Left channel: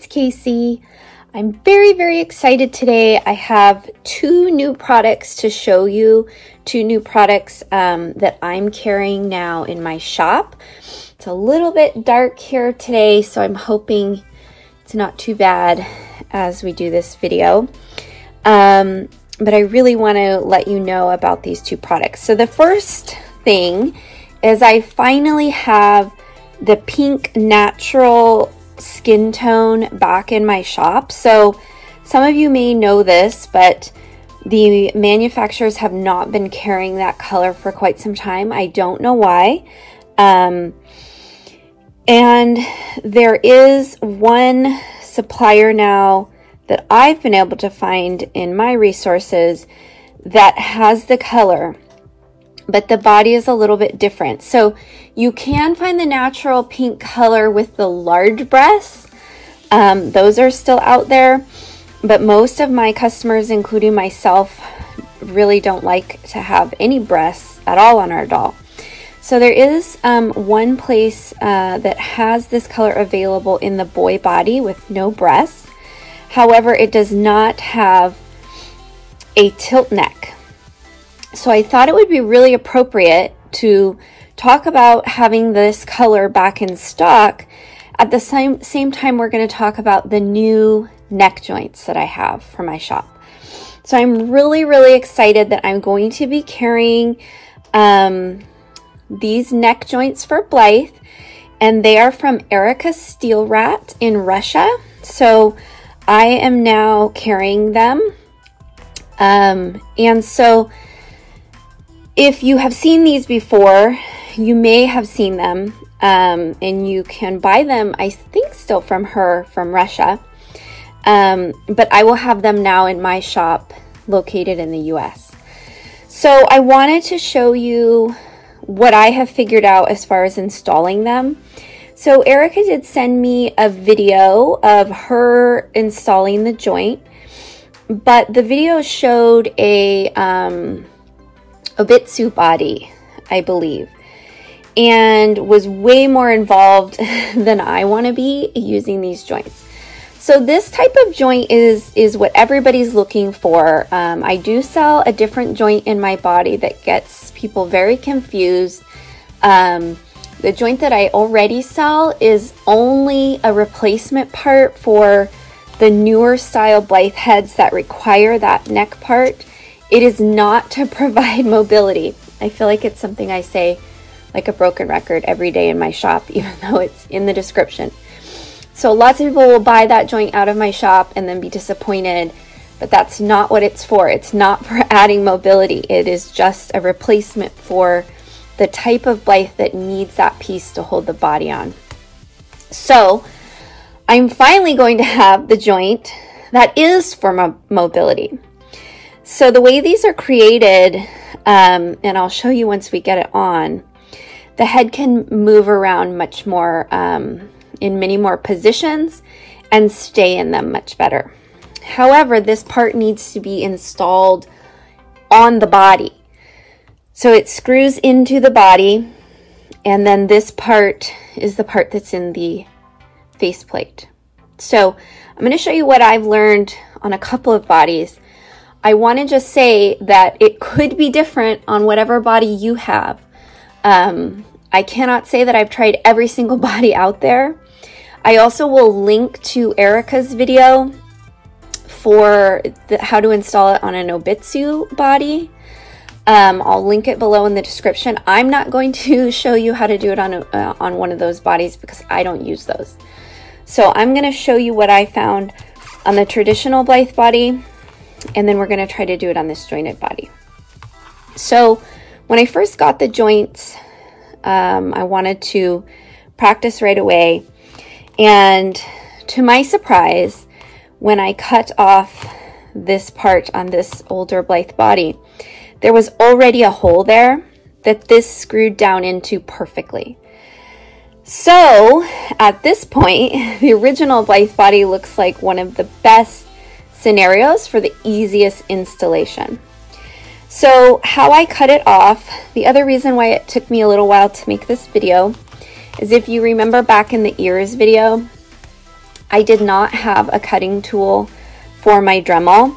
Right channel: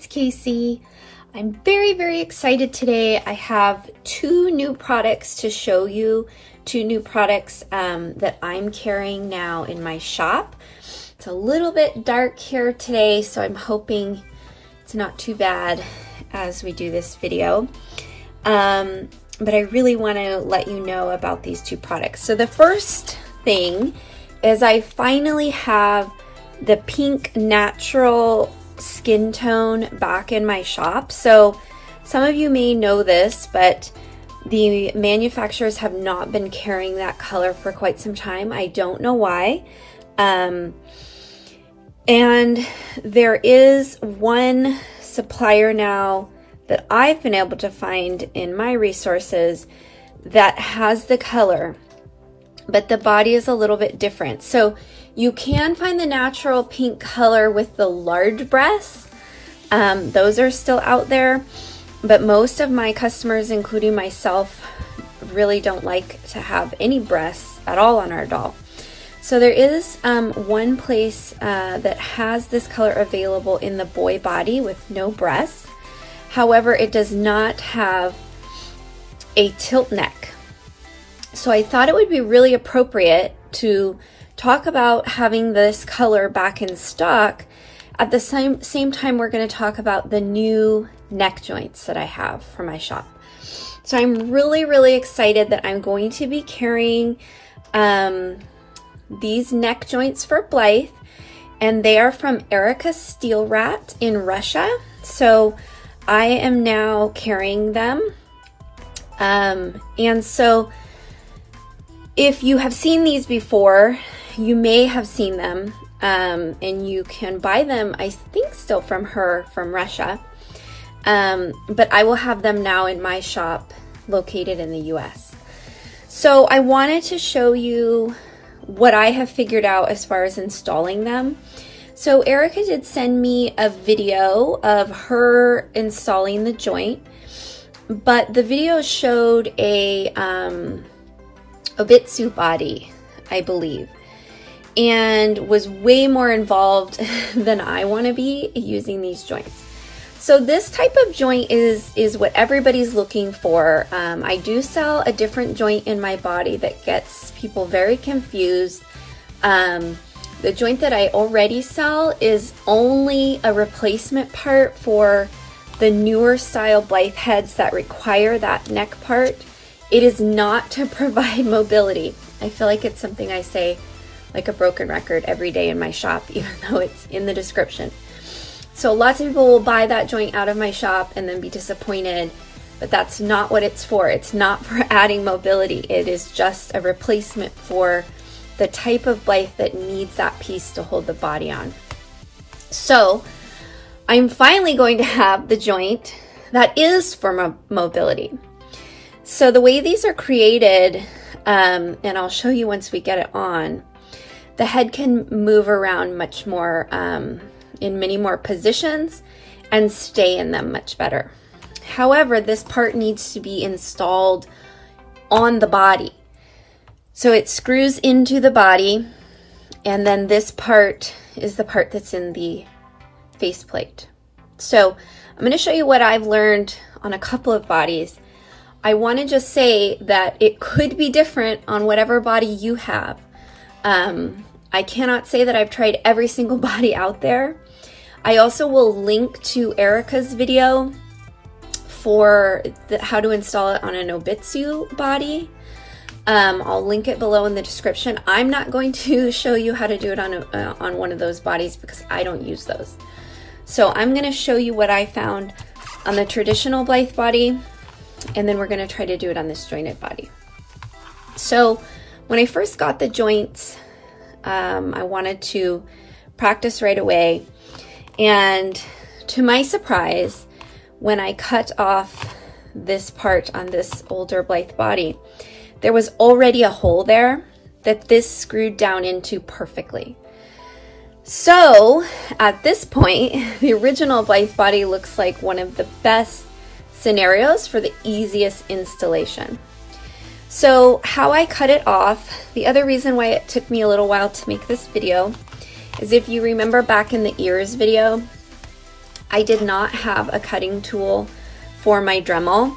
it's Casey. I'm very excited today. I have two new products to show you, two new products that I'm carrying now in my shop. It's a little bit dark here today, so I'm hoping it's not too bad as we do this video. But I really want to let you know about these two products. So the first thing is I finally have the pink natural skin tone back in my shop. So some of you may know this, but the manufacturers have not been carrying that color for quite some time. I don't know why. And there is one supplier now that I've been able to find in my resources that has the color, but the body is a little bit different. So you can find the natural pink color with the large breasts. Those are still out there, but most of my customers, including myself, really don't like to have any breasts at all on our doll. So there is one place that has this color available in the boy body with no breasts. However, it does not have a tilt neck. So I thought it would be really appropriate to talk about having this color back in stock. At the same time, we're going to talk about the new neck joints that I have for my shop. So I'm really excited that I'm going to be carrying these neck joints for Blythe, and they are from ErikaSteelRat in Russia. So I am now carrying them. And so if you have seen these before, you may have seen them, and you can buy them, I think, still from her from Russia. But I will have them now in my shop located in the US. So I wanted to show you what I have figured out as far as installing them. So Erika did send me a video of her installing the joint, but the video showed a Obitsu body, I believe, and was way more involved than I want to be using these joints. So this type of joint is what everybody's looking for. I do sell a different joint in my body that gets people very confused. The joint that I already sell is only a replacement part for the newer style Blythe heads that require that neck part. It is not to provide mobility. I feel like it's something I say like a broken record every day in my shop, even though it's in the description. So lots of people will buy that joint out of my shop and then be disappointed, but that's not what it's for. It's not for adding mobility. It is just a replacement for the type of Blythe that needs that piece to hold the body on. So I'm finally going to have the joint that is for mobility. So the way these are created, and I'll show you once we get it on, the head can move around much more, in many more positions, and stay in them much better. However, this part needs to be installed on the body. So it screws into the body, and then this part is the part that's in the faceplate. So I'm going to show you what I've learned on a couple of bodies. I want to just say that it could be different on whatever body you have. I cannot say that I've tried every single body out there. I also will link to Erika's video for how to install it on an Obitsu body. I'll link it below in the description. I'm not going to show you how to do it on one of those bodies because I don't use those. So I'm going to show you what I found on the traditional Blythe body, and then we're going to try to do it on this jointed body. So when I first got the joints, I wanted to practice right away, and to my surprise, when I cut off this part on this older Blythe body, there was already a hole there that this screwed down into perfectly. So at this point, the original Blythe body looks like one of the best scenarios for the easiest installation. So how I cut it off, the other reason why it took me a little while to make this video is if you remember back in the ears video, I did not have a cutting tool for my Dremel.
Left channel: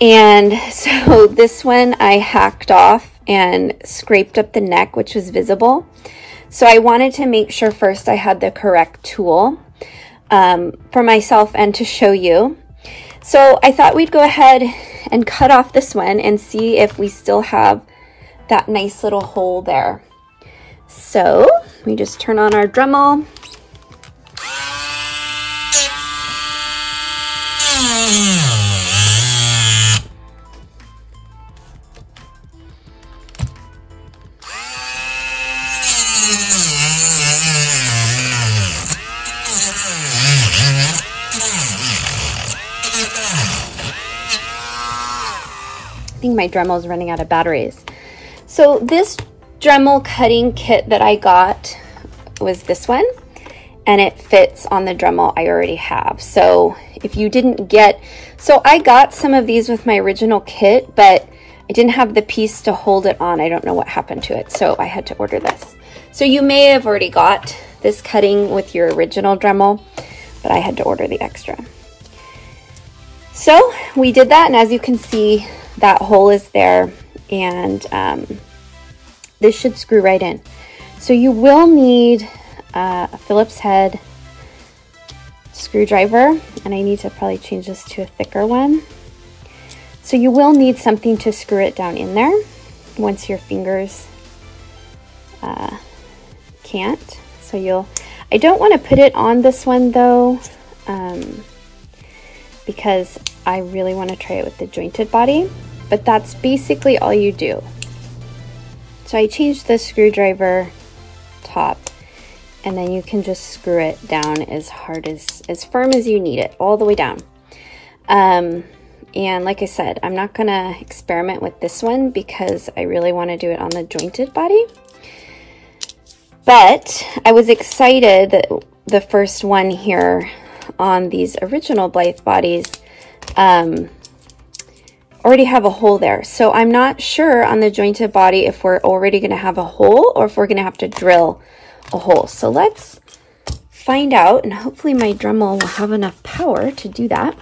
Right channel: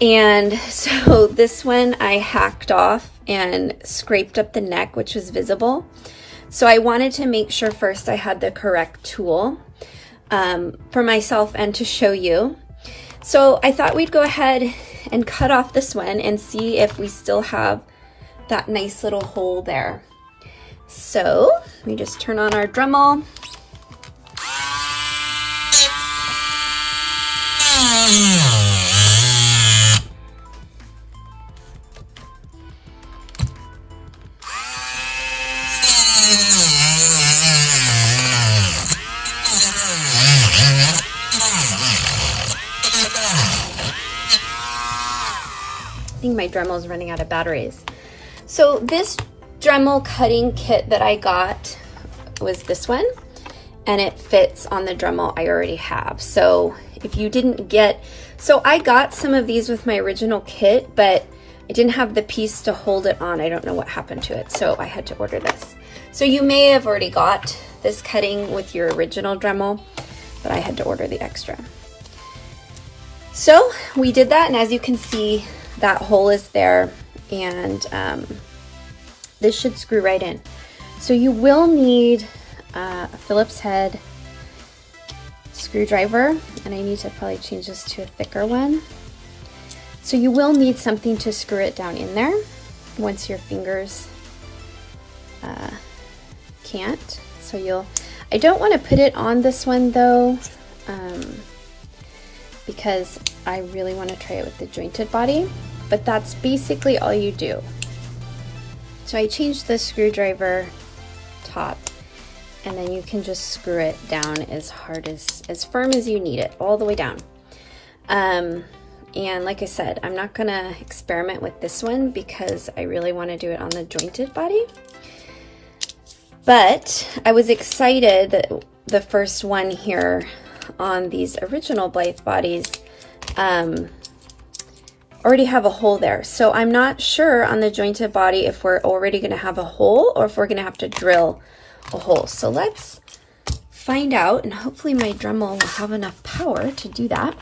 And so this one I hacked off and scraped up the neck, which was visible. So I wanted to make sure first I had the correct tool for myself and to show you. So I thought we'd go ahead and cut off this one and see if we still have that nice little hole there. So we just turn on our Dremel. I think my Dremel is running out of batteries. So this Dremel cutting kit that I got was this one, and it fits on the Dremel I already have. So if you didn't get, so I got some of these with my original kit, but I didn't have the piece to hold it on. I don't know what happened to it, so I had to order this. So you may have already got this cutting with your original Dremel, but I had to order the extra. So we did that, and as you can see, that hole is there, and this should screw right in. So you will need a Phillips head screwdriver, and I need to probably change this to a thicker one. So you will need something to screw it down in there once your fingers can't. So I don't want to put it on this one though, because I really want to try it with the jointed body, but that's basically all you do. So I changed the screwdriver top, and then you can just screw it down as firm as you need it, all the way down. And like I said, I'm not gonna experiment with this one because I really want to do it on the jointed body. But I was excited that the first one here on these original Blythe bodies already have a hole there. So I'm not sure on the jointed body if we're already gonna have a hole or if we're gonna have to drill a hole. So let's find out, and hopefully my Dremel will have enough power to do that.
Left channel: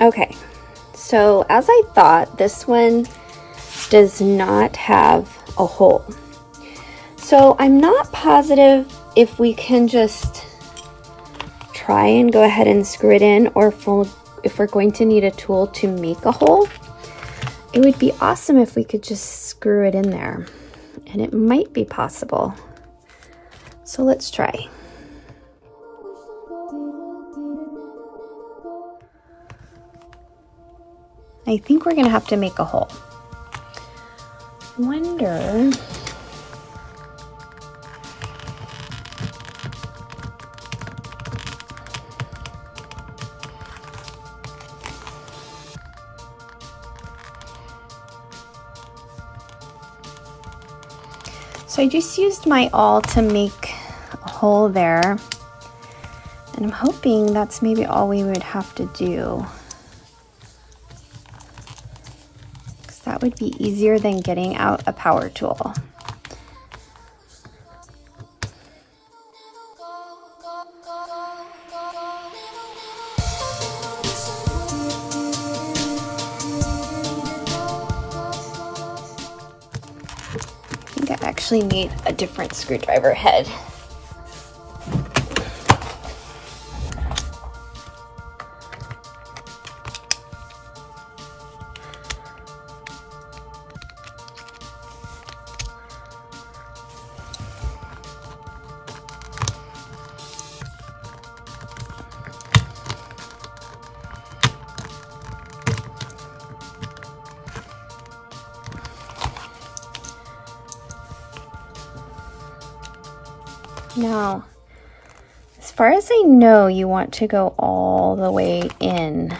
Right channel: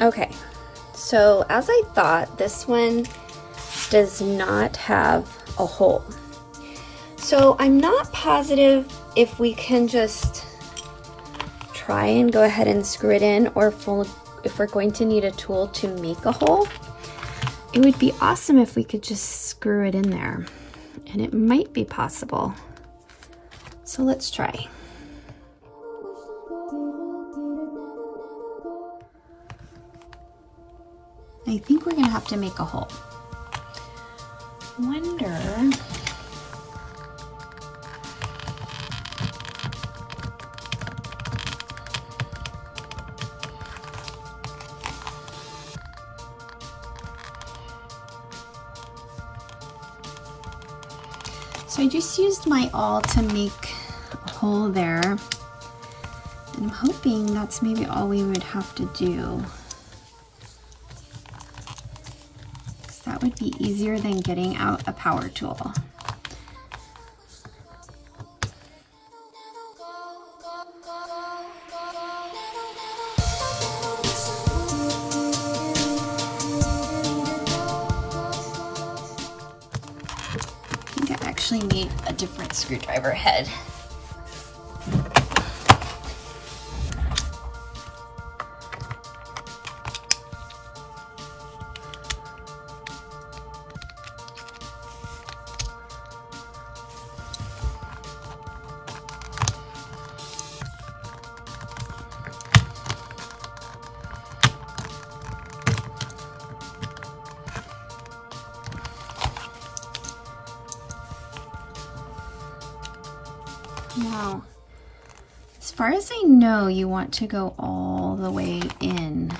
Okay, so as I thought, this one does not have a hole. So I'm not positive if we can just try and go ahead and screw it in, or if we're going to need a tool to make a hole. It would be awesome if we could just screw it in there, and it might be possible. So let's try. I think we're gonna have to make a hole. Wonder. So I just used my awl to make a hole there, and I'm hoping that's maybe all we would have to do. That would be easier than getting out a power tool. I think I actually need a different screwdriver head. Now, as far as I know, you want to go all the way in.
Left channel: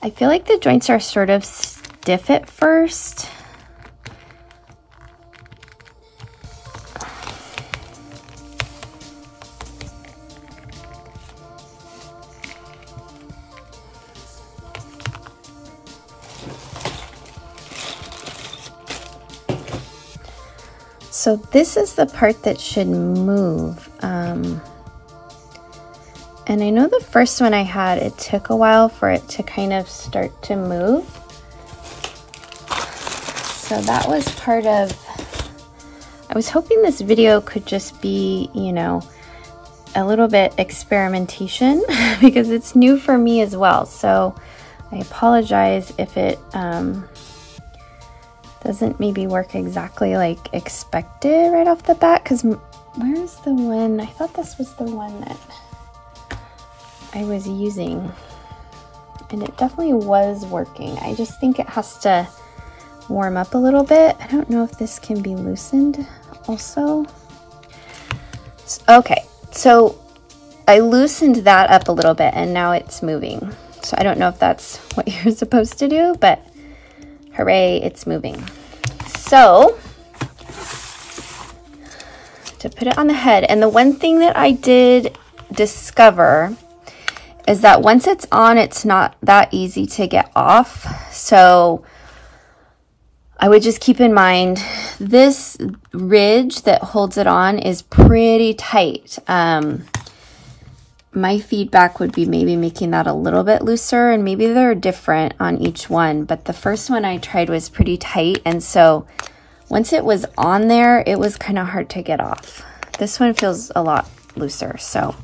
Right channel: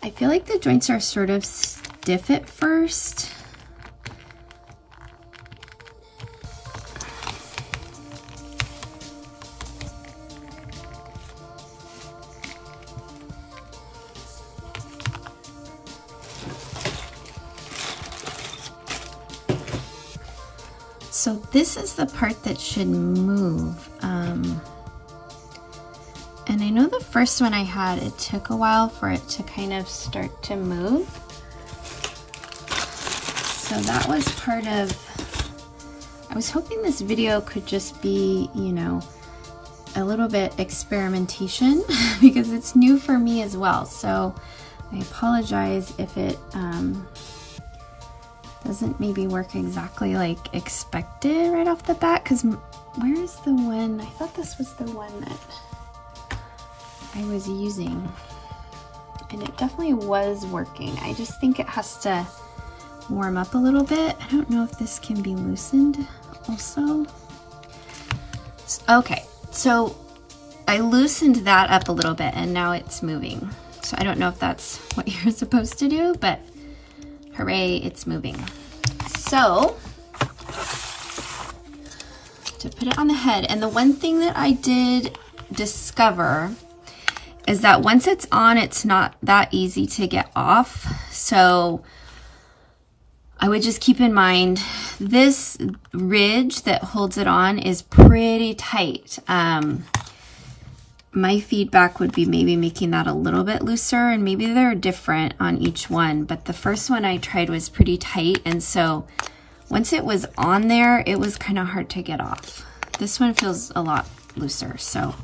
I feel like the joints are sort of stiff at first. So this is the part that should move. And I know the first one I had, it took a while for it to kind of start to move. So that was part of, I was hoping this video could just be, you know, a little bit experimentation because it's new for me as well. So I apologize if it doesn't maybe work exactly like expected right off the bat, because where's the one? I thought this was the one that I was using, and it definitely was working. I just think it has to warm up a little bit. I don't know if this can be loosened also. Okay, so I loosened that up a little bit and now it's moving. So I don't know if that's what you're supposed to do, but hooray, it's moving. So to put it on the head, and the one thing that I did discover is that once it's on, it's not that easy to get off. So I would just keep in mind this ridge that holds it on is pretty tight. My feedback would be maybe making that a little bit looser, and maybe they're different on each one, but the first one I tried was pretty tight, and so once it was on there, it was kind of hard to get off. This one feels a lot looser, so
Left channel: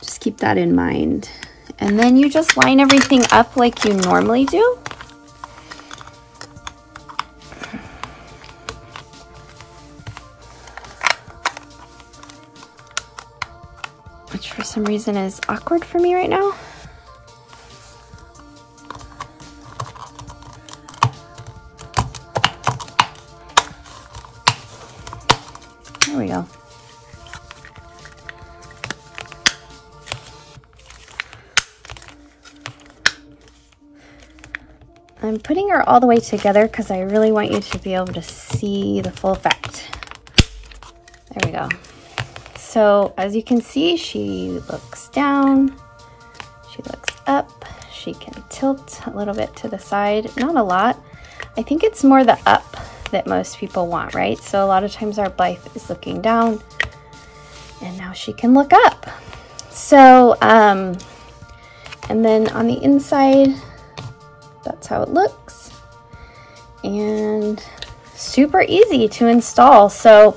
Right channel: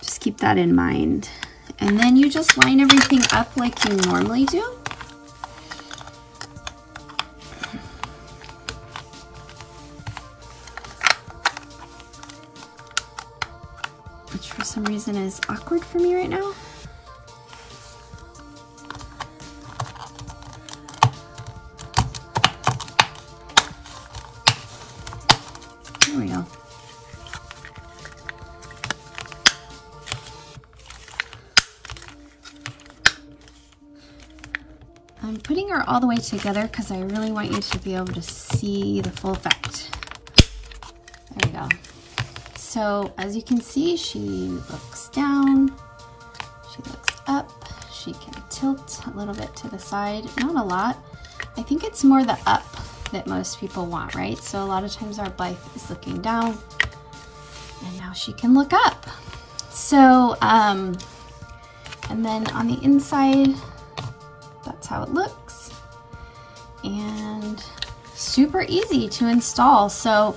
just keep that in mind. And then you just line everything up like you normally do. Which for some reason is awkward for me right now. There we go. I'm putting her all the way together because I really want you to be able to see the full effect. There we go. So as you can see, she looks down, she looks up, she can tilt a little bit to the side, not a lot. I think it's more the up that most people want, right? So a lot of times our Blythe is looking down, and now she can look up. So, and then on the inside, that's how it looks, and super easy to install. So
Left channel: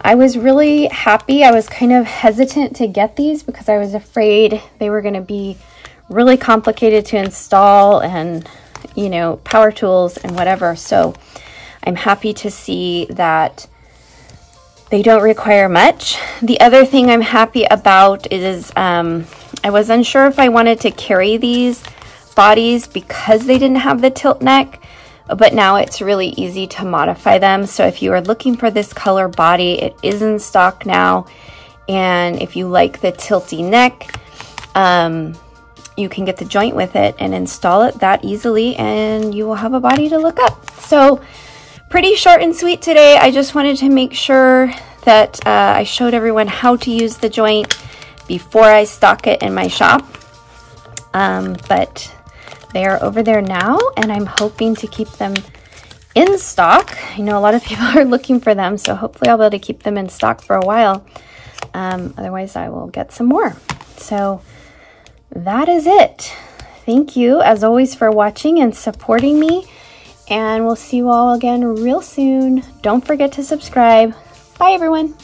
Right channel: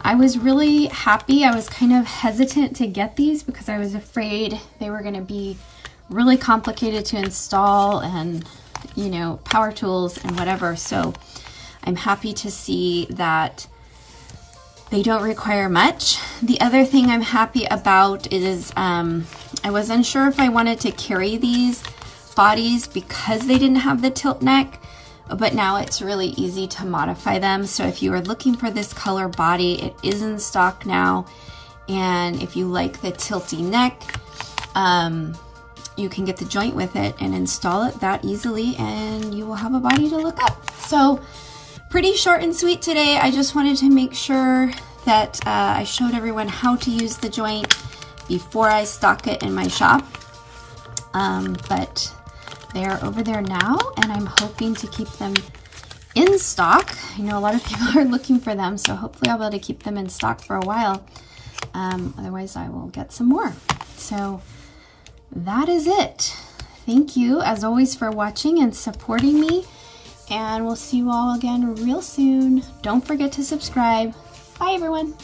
I was really happy. I was kind of hesitant to get these because I was afraid they were going to be really complicated to install, and you know, power tools and whatever. So I'm happy to see that they don't require much. The other thing I'm happy about is I was unsure if I wanted to carry these bodies because they didn't have the tilt neck, but now it's really easy to modify them. So if you are looking for this color body, it is in stock now, and if you like the tilty neck, you can get the joint with it and install it that easily, and you will have a body to look up. So pretty short and sweet today. I just wanted to make sure that I showed everyone how to use the joint before I stock it in my shop, but they are over there now, and I'm hoping to keep them in stock. I know a lot of people are looking for them, so hopefully I'll be able to keep them in stock for a while. Otherwise, I will get some more. So that is it. Thank you, as always, for watching and supporting me, and we'll see you all again real soon. Don't forget to subscribe. Bye, everyone.